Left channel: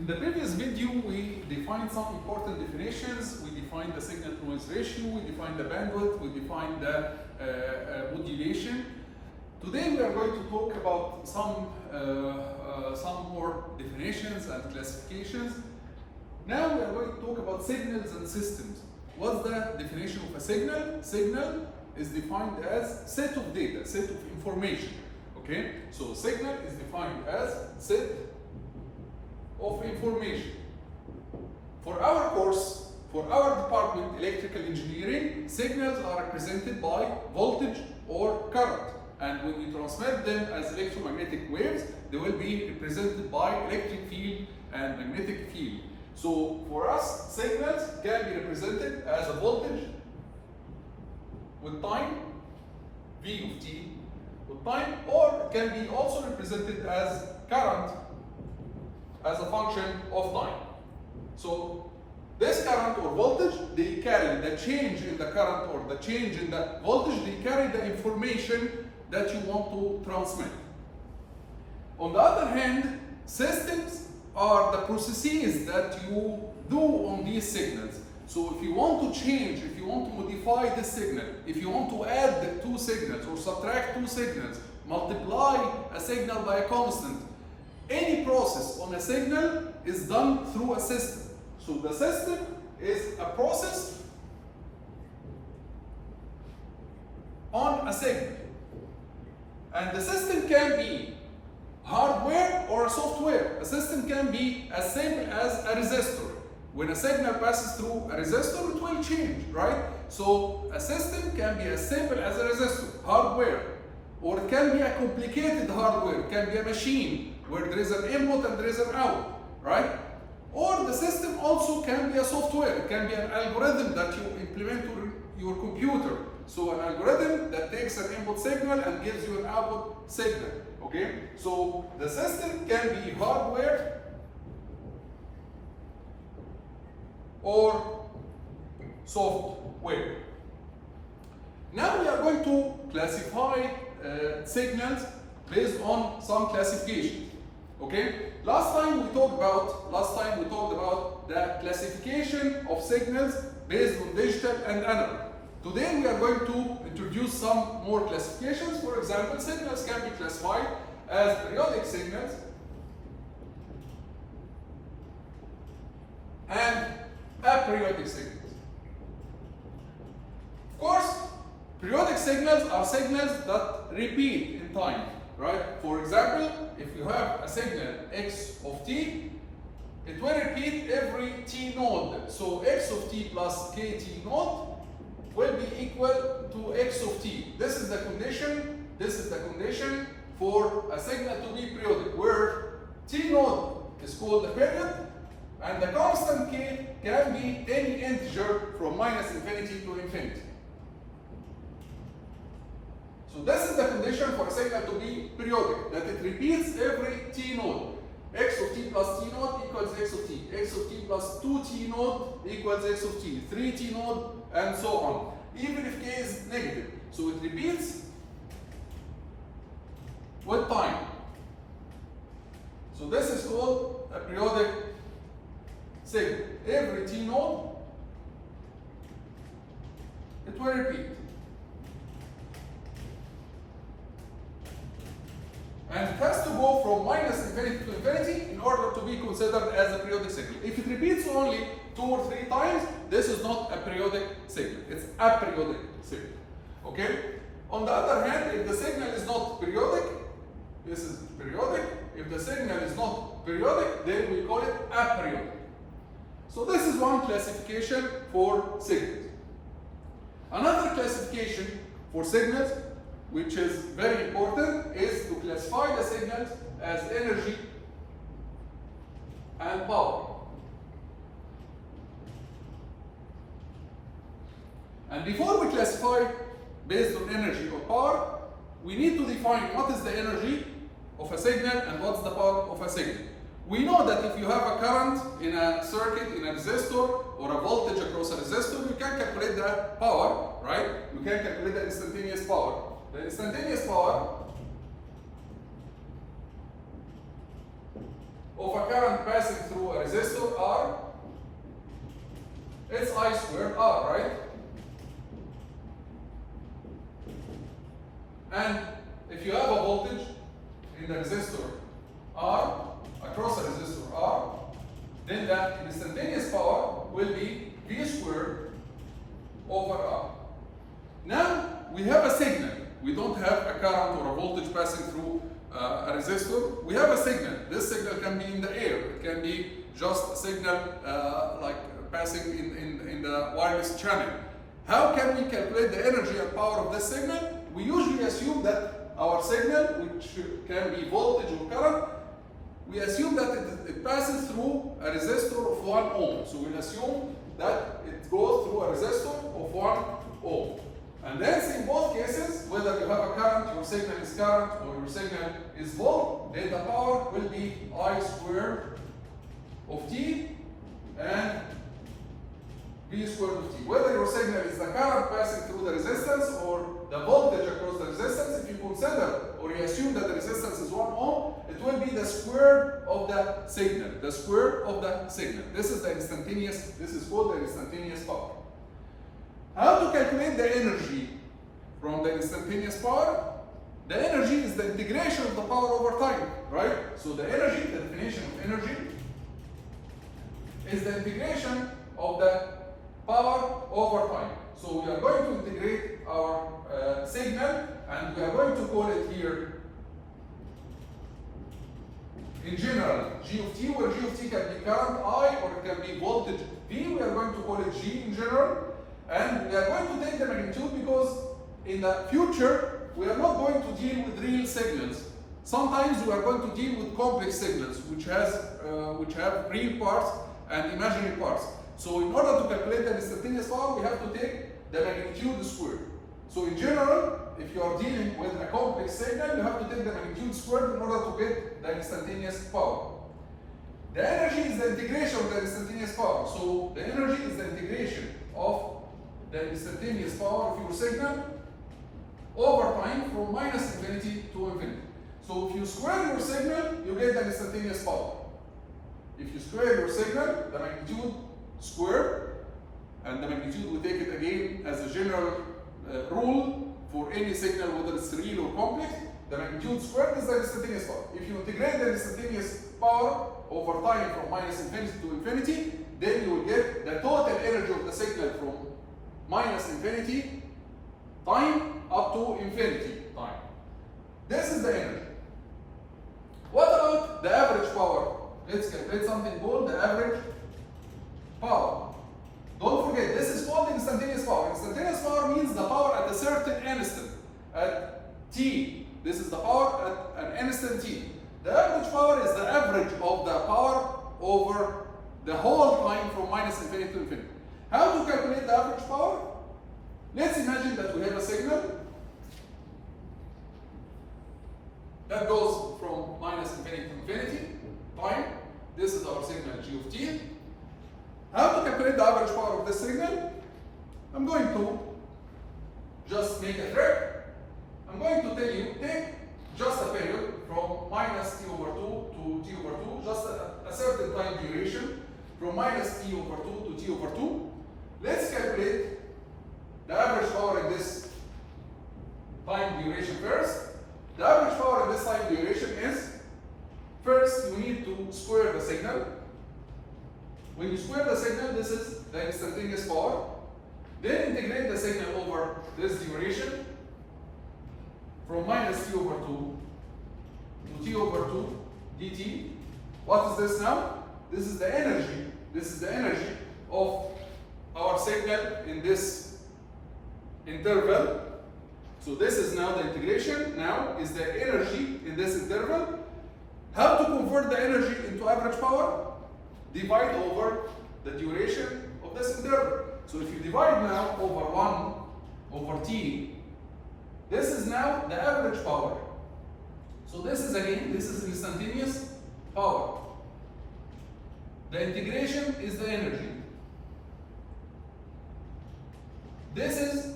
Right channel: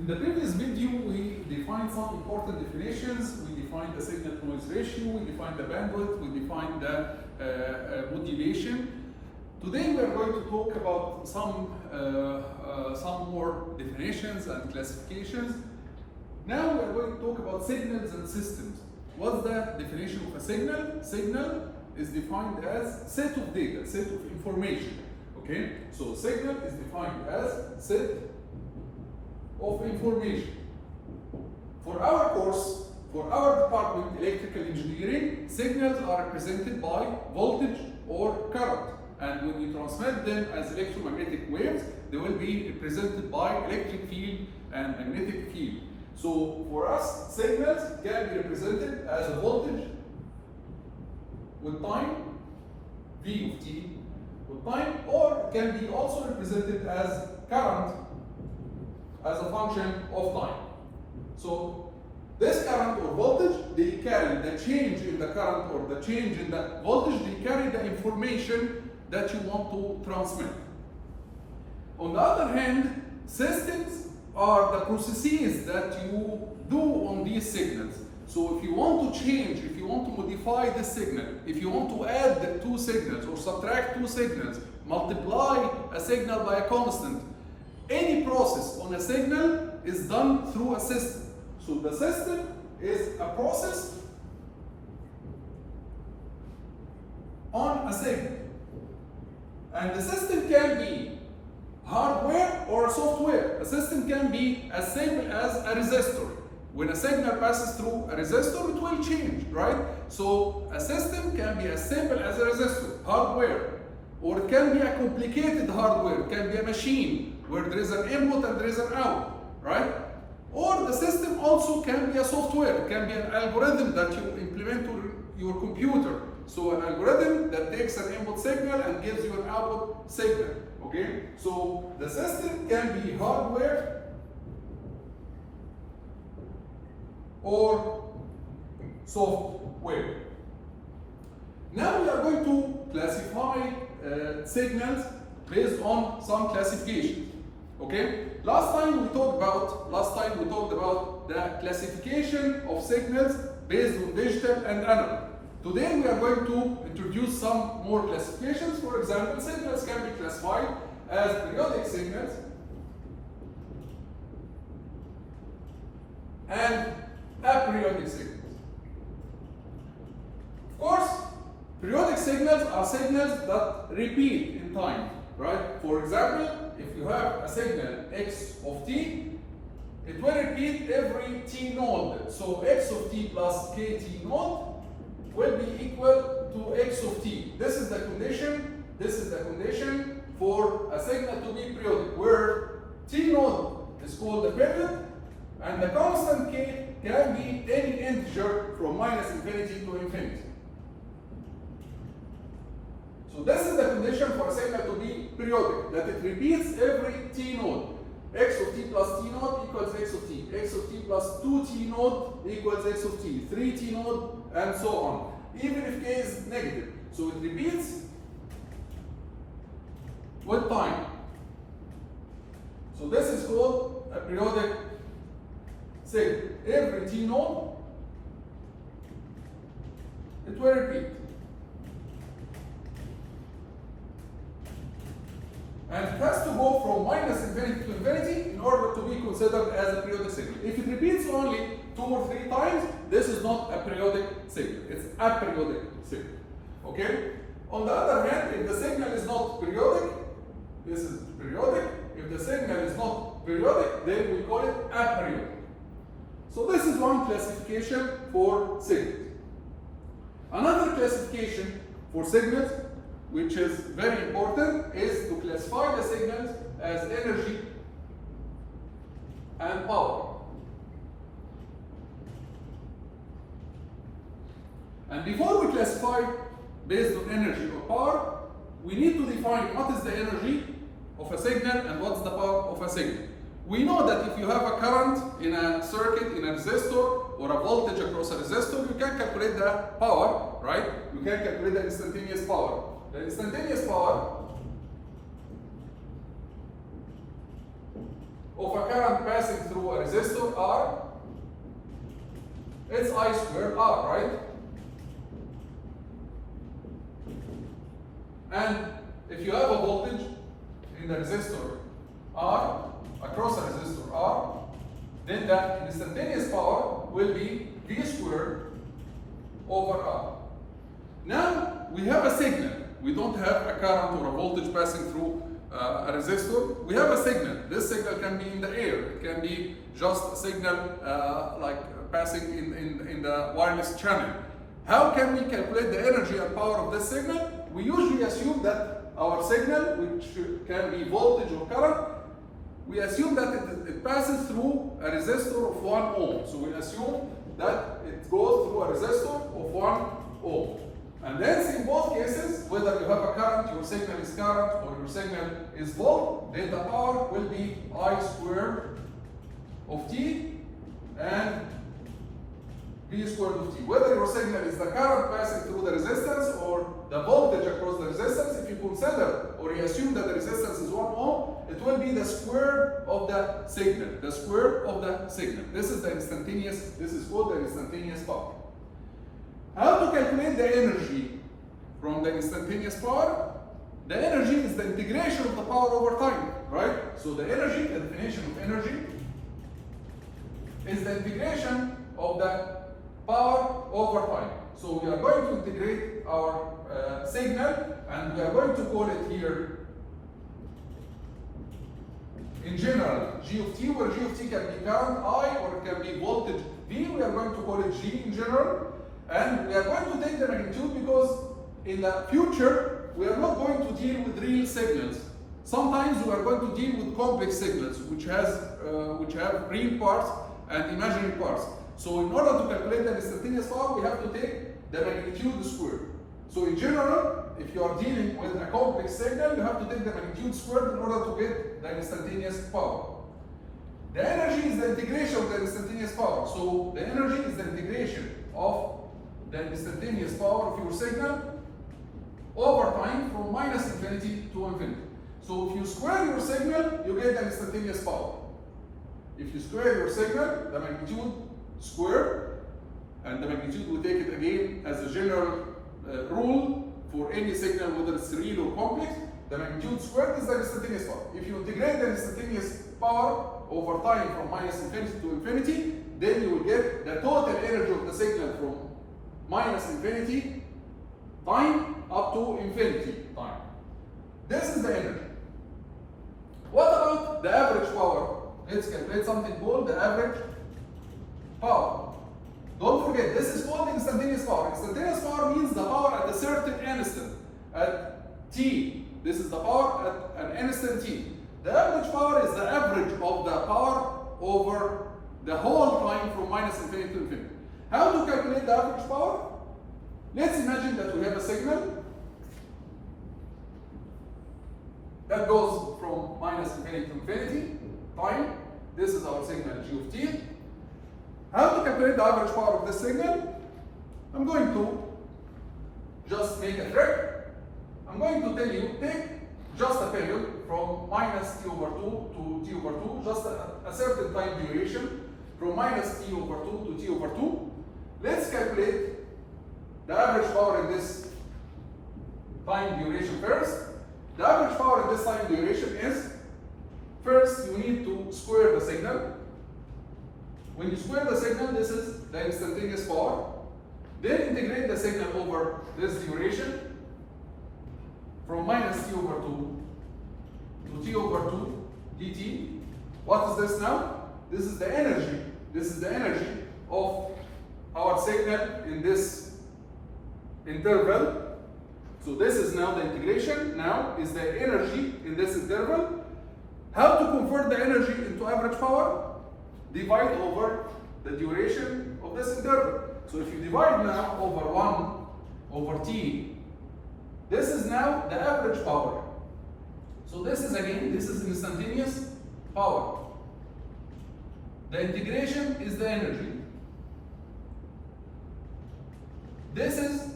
In the previous video, we defined some important definitions. We defined the signal-to-noise ratio, we defined the bandwidth, we defined the modulation. Today, we are going to talk about some more definitions and classifications. Now, we are going to talk about signals and systems. What's the definition of a signal? Signal is defined as set of data, set of information. Okay, so signal is defined as set of information. For our course, for our department, electrical engineering, signals are represented by voltage or current. And when you transmit them as electromagnetic waves, they will be represented by electric field and magnetic field. So for us, signals can be represented as a voltage with time, V of t, with time, or it can be also represented as current as a function of time. So this current or voltage, they carry the change in the current or the change in the voltage, they carry the information that you want to transmit. On the other hand, systems are the processes that you do on these signals. So if you want to change, if you want to modify the signal, if you want to add two signals or subtract two signals, multiply a signal by a constant, any process on a signal is done through a system. So the system is a process on a signal. And the system can be hardware or software. A system can be as simple as a resistor. When a signal passes through a resistor, it will change, right? So a system can be as simple as a resistor, hardware, or it can be a complicated hardware. It can be a machine where there is an input and there is an out, right? Or the system also can be a software. It can be an algorithm that you implement to your computer. So an algorithm that takes an input signal and gives you an output signal, okay? So the system can be hardware or software. Now we are going to classify signals based on some classifications. Okay? Last time we talked about the classification of signals based on digital and analog. Today we are going to introduce some more classifications. For example, signals can be classified as periodic signals and aperiodic signals. Of course, periodic signals are signals that repeat in time, right? For example, if you have a signal x of t, it will repeat every t node. So x of t plus kt node will be equal to x of t. This is the condition for a signal to be periodic, where t node is called the period, and the constant k can be any integer from minus infinity to infinity. So this is the condition for a signal to be periodic, that it repeats every t node. X of t plus t node equals x of t. X of t plus 2t node equals x of t. 3t node, and so on. Even if k is negative. So it repeats with time. So this is called a periodic signal. Every t node, it will repeat. And it has to go from minus infinity to infinity in order to be considered as a periodic signal. If it repeats only 2 or 3 times, this is not a periodic signal. It's a periodic signal. Okay? On the other hand, if the signal is not periodic, this is periodic. If the signal is not periodic, then we call it aperiodic. So this is one classification for signals. Another classification for signals, which is very important, is to classify the signals as energy and power. And before we classify based on energy or power, we need to define what is the energy of a signal and what's the power of a signal. We know that if you have a current in a circuit, in a resistor, or a voltage across a resistor, you can calculate the power, right? You can calculate the instantaneous power. The instantaneous power of a current passing through a resistor R, it's I squared R, right? And if you have a voltage in the resistor R, across a resistor R, then the instantaneous power will be V squared over R. Now we have a signal. We don't have a current or a voltage passing through a resistor. We have a signal. This signal can be in the air. It can be just a signal like passing in the wireless channel. How can we calculate the energy and power of this signal? We usually assume that our signal, which can be voltage or current, we assume that it passes through a resistor of 1 ohm. So we assume that it goes through a resistor of 1 ohm. And then in both cases, whether you have a current, your signal is current, or your signal is volt, then the power will be I squared of T and V squared of T. Whether your signal is the current passing through the resistance or the voltage across the resistance, if you consider or you assume that the resistance is 1 ohm, it will be the square of the signal. The square of the signal. This is the instantaneous, this is called the instantaneous power. How to calculate the energy from the instantaneous power? The energy is the integration of the power over time, right? So the energy, the definition of energy, is the integration of the power over time. So we are going to integrate our signal, and we are going to call it here, in general, G of T, where G of T can be current I, or it can be voltage V. We are going to call it G in general. And we are going to take the magnitude because in the future, we are not going to deal with real signals. Sometimes we are going to deal with complex signals, which have real parts and imaginary parts. So in order to calculate the instantaneous power, we have to take the magnitude squared. So in general, if you are dealing with a complex signal, you have to take the magnitude squared in order to get the instantaneous power. The energy is the integration of the instantaneous power. So the energy is the integration of the instantaneous power of your signal over time from minus infinity to infinity. So if you square your signal, you get the instantaneous power. If you square your signal, the magnitude squared, and the magnitude we take it again as a general rule for any signal, whether it's real or complex, the magnitude squared is the instantaneous power. If you integrate the instantaneous power over time from minus infinity to infinity, then you will get the total energy of the signal from minus infinity time up to infinity time. This is the energy. What about the average power? Let's calculate something called the average power. Don't forget, this is called instantaneous power. Instantaneous power means the power at a certain instant, at t. This is the power at an instant t. The average power is the average of the power over the whole time from minus infinity to infinity. How to calculate the average power? Let's imagine that we have a signal that goes from minus infinity to infinity time. This is our signal G of T. How to calculate the average power of this signal? I'm going to just make a trick. I'm going to tell you, take just a period from minus t over 2 to t over 2, just a certain time duration, from minus t over 2 to t over 2. Let's calculate the average power in this time duration first. The average power in this time duration is, first you need to square the signal. When you square the signal, this is the instantaneous power. Then integrate the signal over this duration from minus t over 2 to t over 2 dt. What is this now? This is the energy. This is the energy of our signal in this interval. So this is now the integration. Now is the energy in this interval. How to convert the energy into average power? Divide over the duration of this interval. So if you divide now over 1 over t, this is now the average power. So this is again, this is instantaneous power. The integration is the energy. This is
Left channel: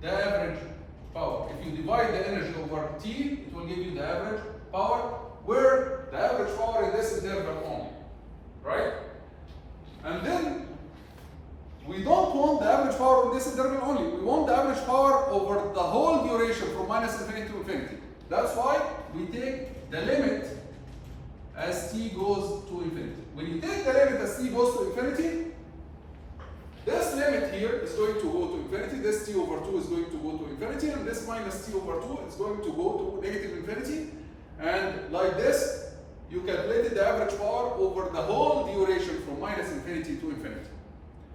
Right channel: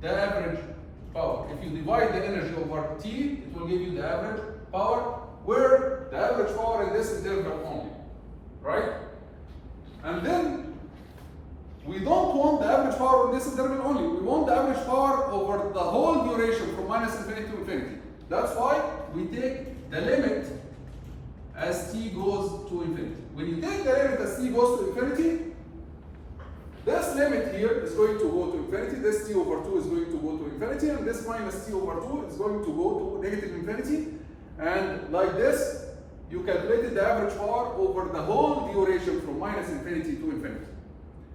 the average power. If you divide the energy over t, it will give you the average power. where the average power in this interval only, right? And then we don't want the average power on this interval only. We want the average power over the whole duration from minus infinity to infinity. That's why we take the limit as t goes to infinity. When you take the limit as t goes to infinity, this limit here is going to go to infinity, this t over 2 is going to go to infinity, and this minus t over 2 is going to go to negative infinity. And like this, you calculated the average power over the whole duration from minus infinity to infinity.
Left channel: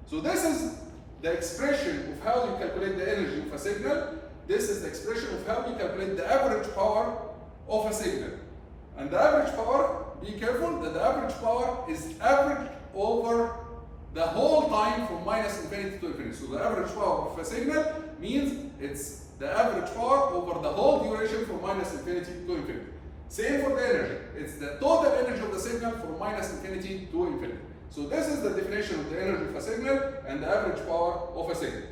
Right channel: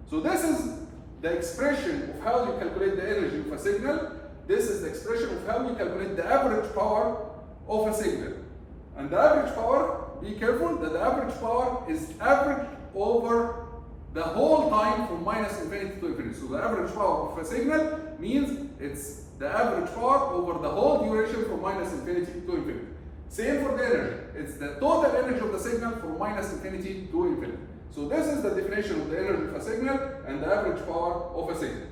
So this is the expression of how you calculate the energy of a signal. This is the expression of how you calculate the average power of a signal. And the average power, be careful that the average power is average over the whole time from minus infinity to infinity. So the average power of a signal means it's the average power over the whole duration from minus infinity to infinity. Same for the energy. It's the total energy of the signal from minus infinity to infinity. So this is the definition of the energy of a signal and the average power of a signal.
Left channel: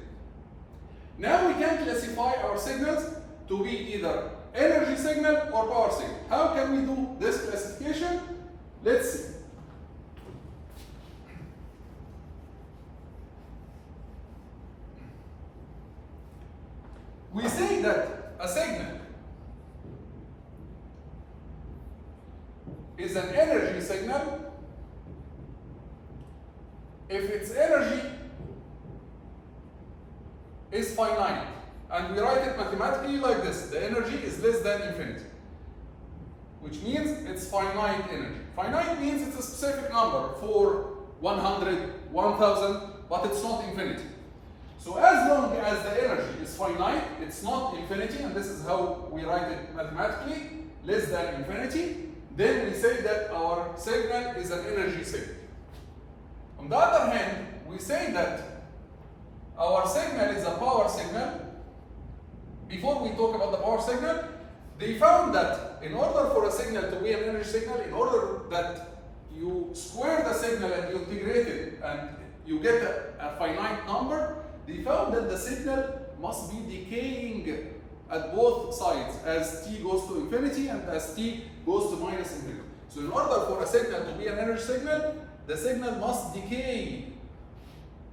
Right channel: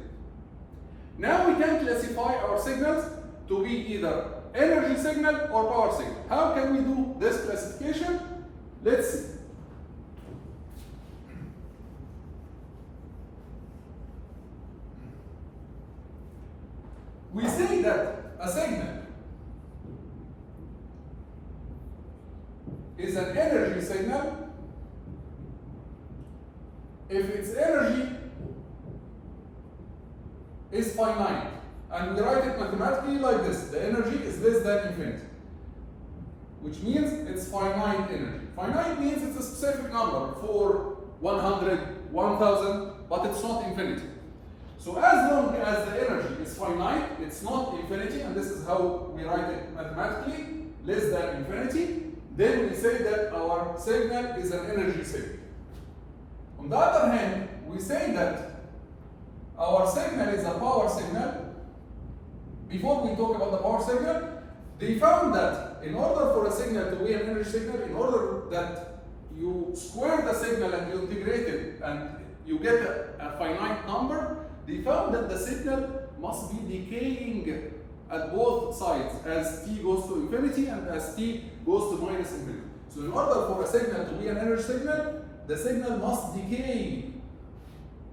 Now we can classify our signals to be either energy signal or power signal. How can we do this classification? Let's see. We say that a signal is an energy signal if its energy is finite. And we write it mathematically like this: the energy is less than infinity, which means it's finite energy. Finite means it's a specific number, 4, 100, 1000, but it's not infinity. So as long as the energy is finite, it's not infinity, and this is how we write it mathematically, less than infinity, then we say that our signal is an energy signal. On the other hand, we say that our signal is a power signal. Before we talk about the power signal, they found that in order for a signal to be an energy signal, in order that you square the signal and you integrate it and you get a finite number, they found that the signal must be decaying at both sides as t goes to infinity and as t goes to minus infinity. So in order for a signal to be an energy signal, the signal must decay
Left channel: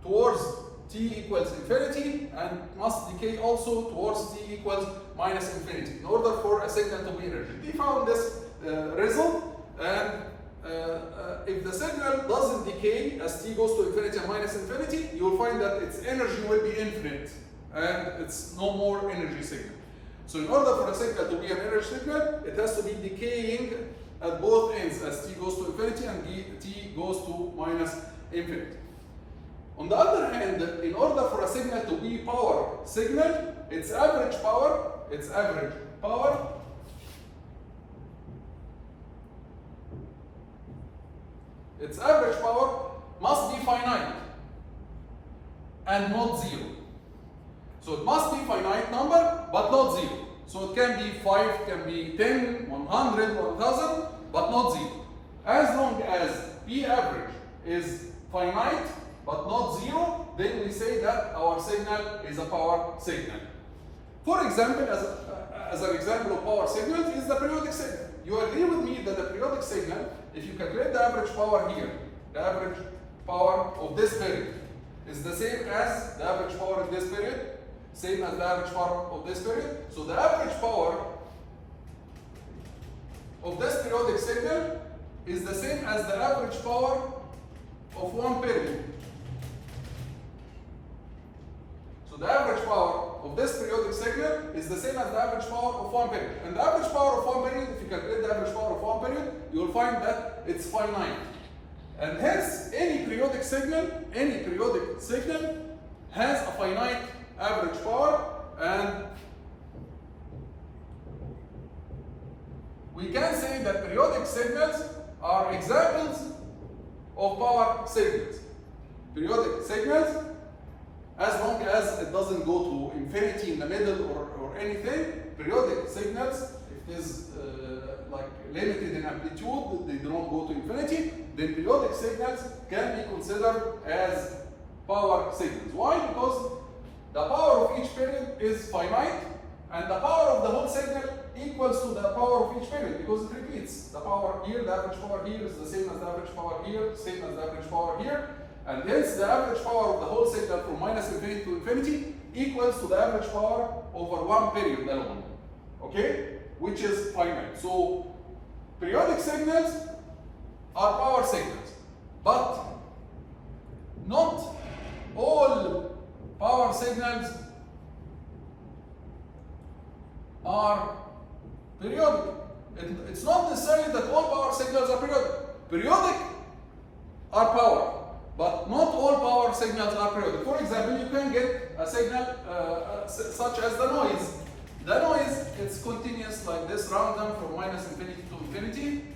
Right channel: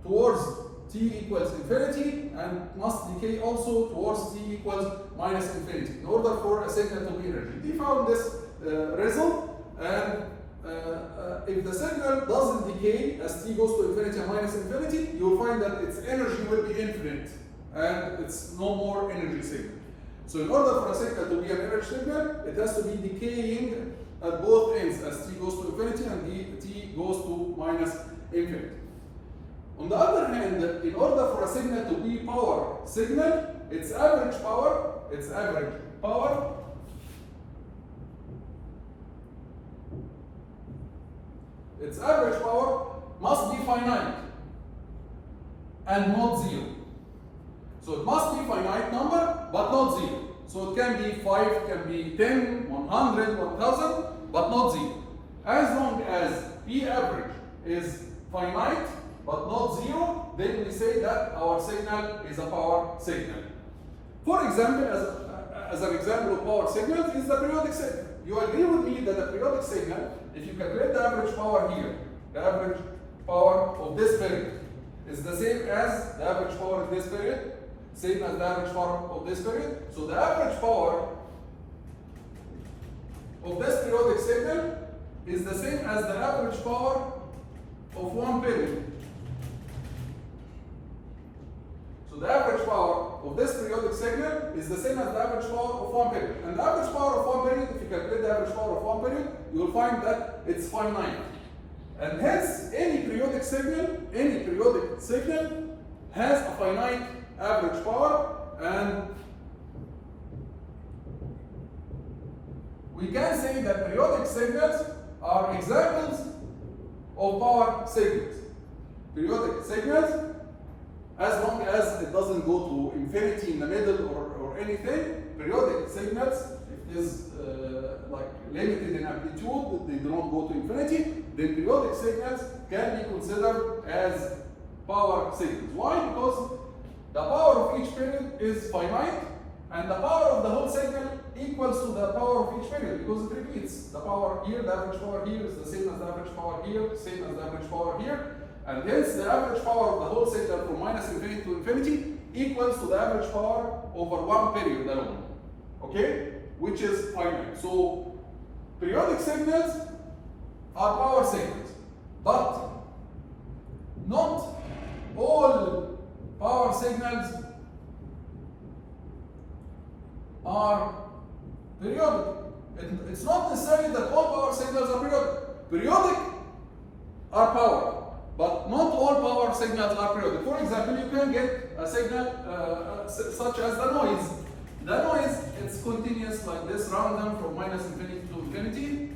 towards t equals infinity and must decay also towards t equals minus infinity in order for a signal to be energy. They found this result, and if the signal doesn't decay as t goes to infinity and minus infinity, you will find that its energy will be infinite and it's no more energy signal. So in order for a signal to be an energy signal, it has to be decaying at both ends as t goes to infinity and t goes to minus infinity. On the other hand, in order for a signal to be power signal, its average power must be finite and not zero. So it must be finite number, but not zero. So it can be 5, can be 10, 100, 1000, but not zero. As long as P average is finite, but not zero, then we say that our signal is a power signal. For example, as an example of power signal is the periodic signal. You agree with me that the periodic signal, if you calculate the average power here, the average power of this period is the same as the average power of this period, same as the average power of this period. So the average power of this periodic signal is the same as the average power of one period. So the average power of this periodic signal is the same as the average power of one period. And the average power of one period, if you calculate the average power of one period, you will find that it's finite. And hence, any periodic signal has a finite average power, and we can say that periodic signals are examples of power signals. Periodic signals, as long as it doesn't go to infinity in the middle or anything, periodic signals, if it is like limited in amplitude, they do not go to infinity, then periodic signals can be considered as power signals. Why? Because the power of each period is finite, and the power of the whole signal equals to the power of each period because it repeats. The power here, the average power here is the same as the average power here, same as the average power here, and hence the average power of the whole signal from minus infinity to infinity equals to the average power over one period alone, okay? Which is finite. So periodic signals are power signals, but not all power signals are periodic. It's not necessarily that all power signals are periodic. Periodic are power, but not all power signals are periodic. For example, you can get a signal such as the noise. The noise, it's continuous like this, random from minus infinity to infinity.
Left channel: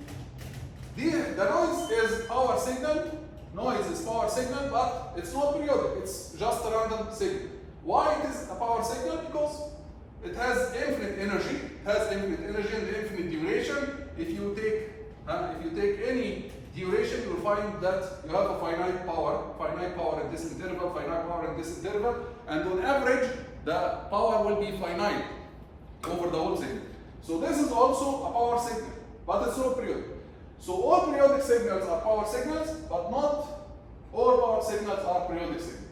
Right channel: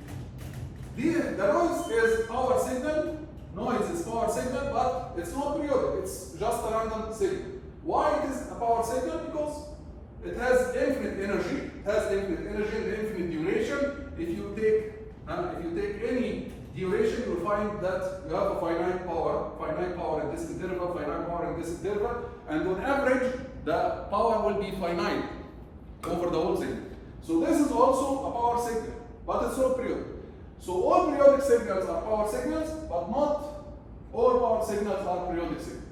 The noise is power signal. Noise is power signal, but it's not periodic. It's just a random signal. Why it is a power signal? Because it has infinite energy. It has infinite energy and infinite duration. If you take any duration, you'll find that you have a finite power in this interval, finite power in this interval, and on average, the power will be finite over the whole signal. So this is also a power signal, but it's not periodic. So all periodic signals are power signals, but not all power signals are periodic signals.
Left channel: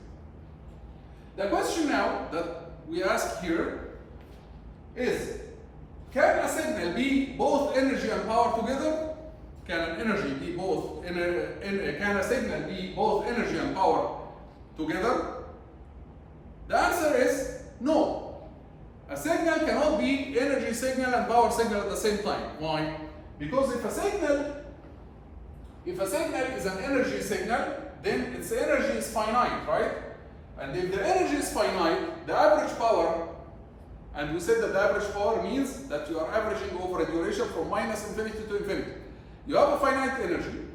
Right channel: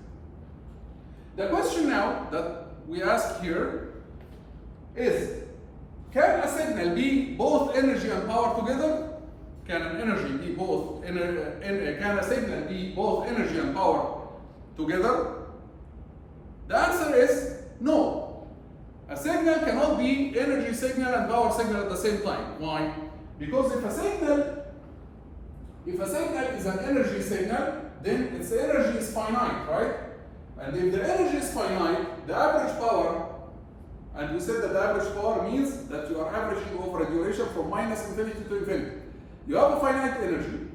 The question now that we ask here is, can a signal be both energy and power together? Can a signal be both energy and power together? The answer is no. A signal cannot be energy signal and power signal at the same time. Why? Because if a signal is an energy signal, then its energy is finite, right? And if the energy is finite, the average power, and we said that the average power means that you are averaging over a duration from minus infinity to infinity. You have a finite energy,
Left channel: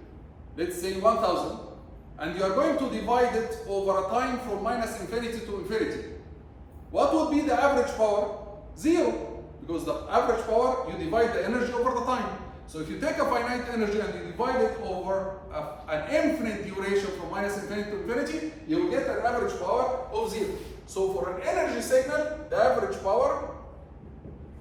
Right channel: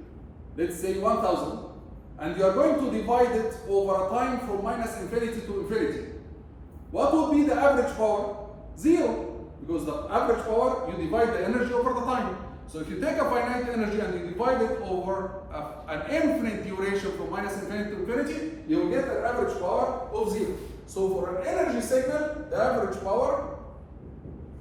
let's say 1000, and you are going to divide it over a time from minus infinity to infinity. What would be the average power? 0, because the average power, you divide the energy over the time. So if you take a finite energy and you divide it over an infinite duration from minus infinity to infinity, you will get an average power of 0. So for an energy signal, the average power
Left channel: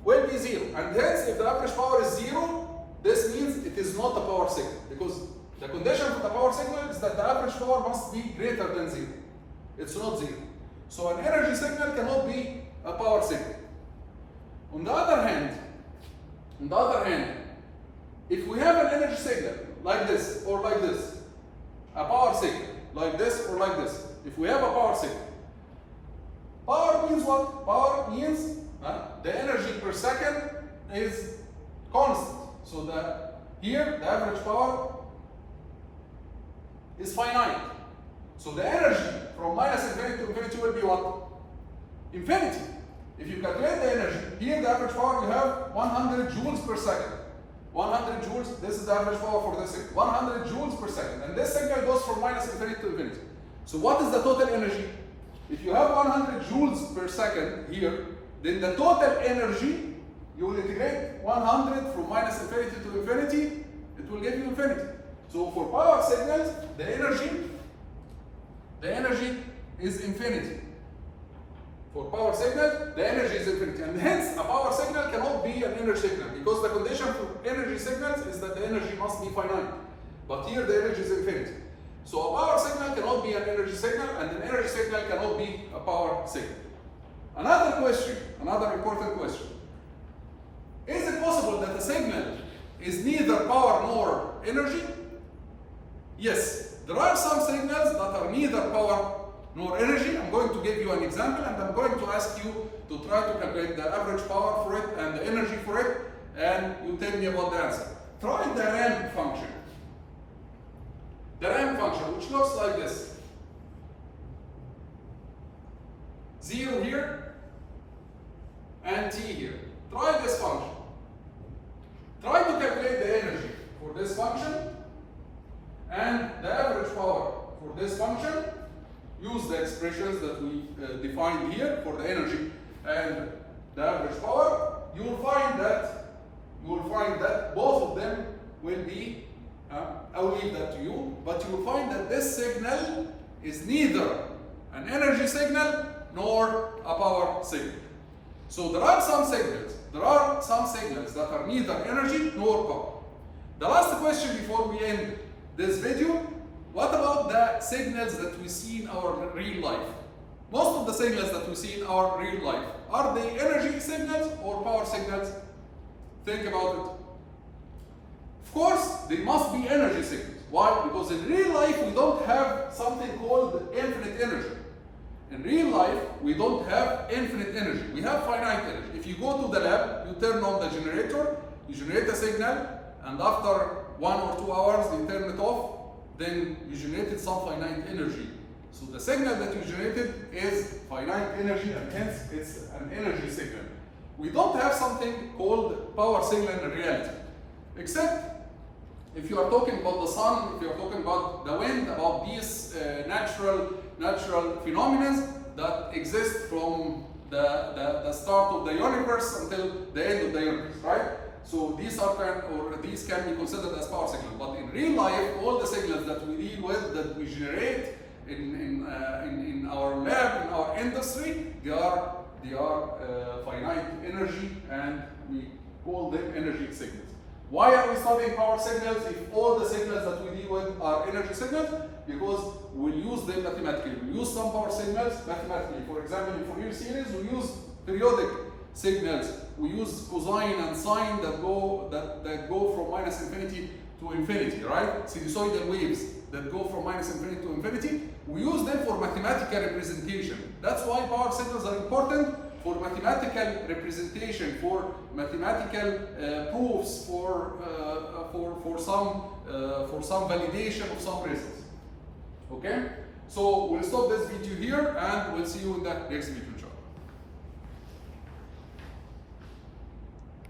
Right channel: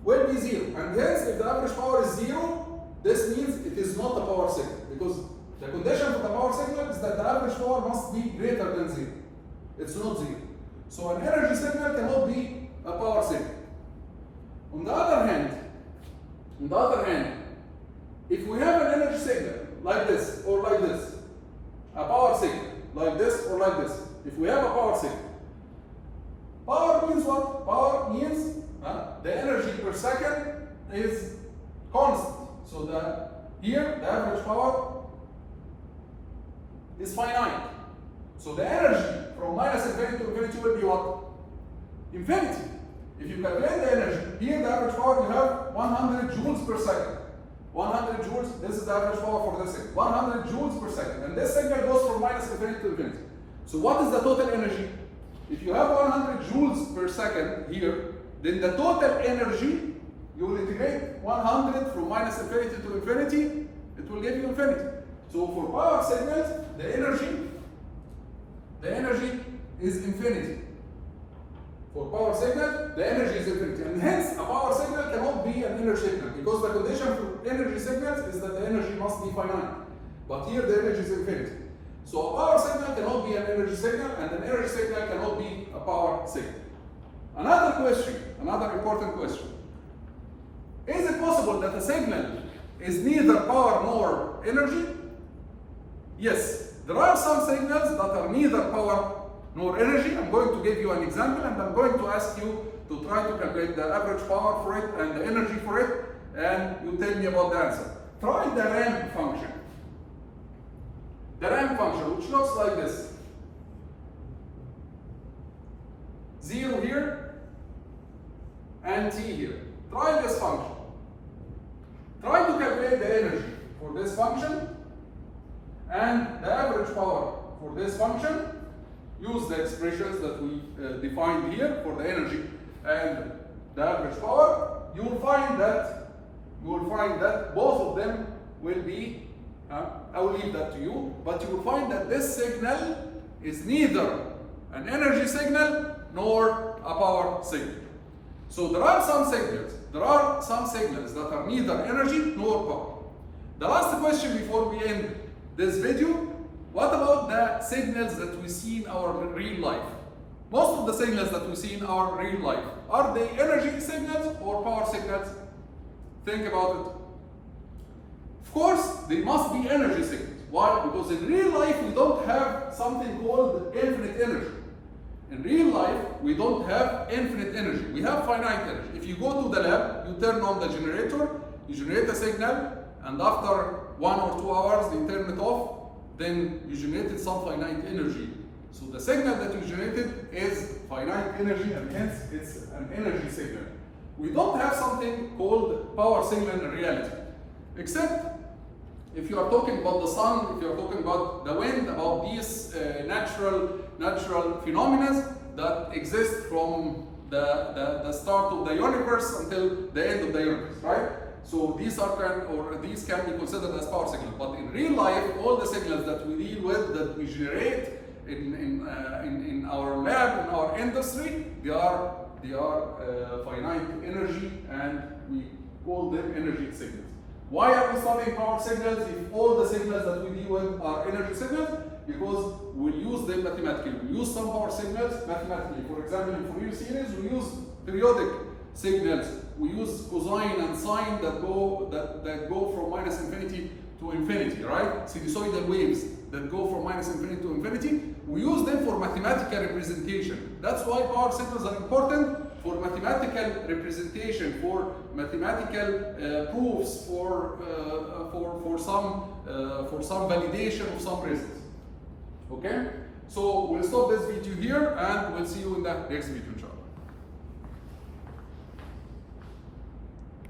will be 0. And hence, if the average power is 0, this means it is not a power signal, because the condition for the power signal is that the average power must be greater than 0. It's not 0. So an energy signal cannot be a power signal. On the other hand, if we have an energy signal like this or like this, a power signal like this or like this, if we have a power signal, power means what? Power means the energy per second is constant. So here the average power is finite. So the energy from minus infinity to infinity will be what? Infinity. If you calculate the energy, here the average power you have 100 joules per second. 100 joules, this is the average power for this signal. 100 joules per second. And this signal goes from minus infinity to infinity. So what is the total energy? If you have 100 joules per second here, then the total energy, you will integrate 100 from minus infinity to infinity, it will give you infinity. So for power signals, the energy is infinity. For power signal, the energy is infinity. And hence, a power signal cannot be an energy signal, because the condition for energy signals is that the energy must be finite. But here the energy is infinity. So a power signal cannot be an energy signal, and an energy signal cannot be a power signal. Another question, another important question. Is it possible that a signal is neither power nor energy? Yes, there are some signals that are neither power nor energy. I'm going to give you an example, and I'm going to ask you to try to calculate the average power for it and the energy for it, and you tell me about the answer. Try the ramp function. The ramp function, which looks like this. 0 here and t here. Try this function. Try to calculate the energy for this function and the average power for this function. Use the expressions that we defined here for the energy and the average power. You will find that both of them will be, I will leave that to you, but you will find that this signal is neither an energy signal nor a power signal. So there are some signals that are neither energy nor power. The last question before we end this video, what about the signals that we see in our real life? Most of the signals that we see in our real life, are they energy signals or power signals? Think about it. Of course, they must be energy signals. Why? Because in real life, we don't have something called infinite energy. In real life, we don't have infinite energy. We have finite energy. If you go to the lab, you turn on the generator, you generate a signal, and after 1 or 2 hours, you turn it off, then you generated some finite energy. So the signal that you generated is finite energy, and hence it's an energy signal. We don't have something called power signal in reality, except if you are talking about the sun, if you are talking about the wind, about these natural phenomena that exist from the start of the universe until the end of the universe, right? So these can be considered as power signals. But in real life, all the signals that we deal with, that we generate in our lab, in our industry, they are finite energy, and we call them energy signals. Why are we studying power signals if all the signals that we deal with are energy signals? Because we'll use them mathematically. We use some power signals mathematically. For example, in Fourier series, we use periodic signals. We use cosine and sine that go from minus infinity to infinity, right? Sinusoidal waves that go from minus infinity to infinity. We use them for mathematical representation. That's why power signals are important for mathematical representation, for mathematical proofs, for some validation of some results. Okay? So we'll stop this video here, and we'll see you in the next video, inshallah.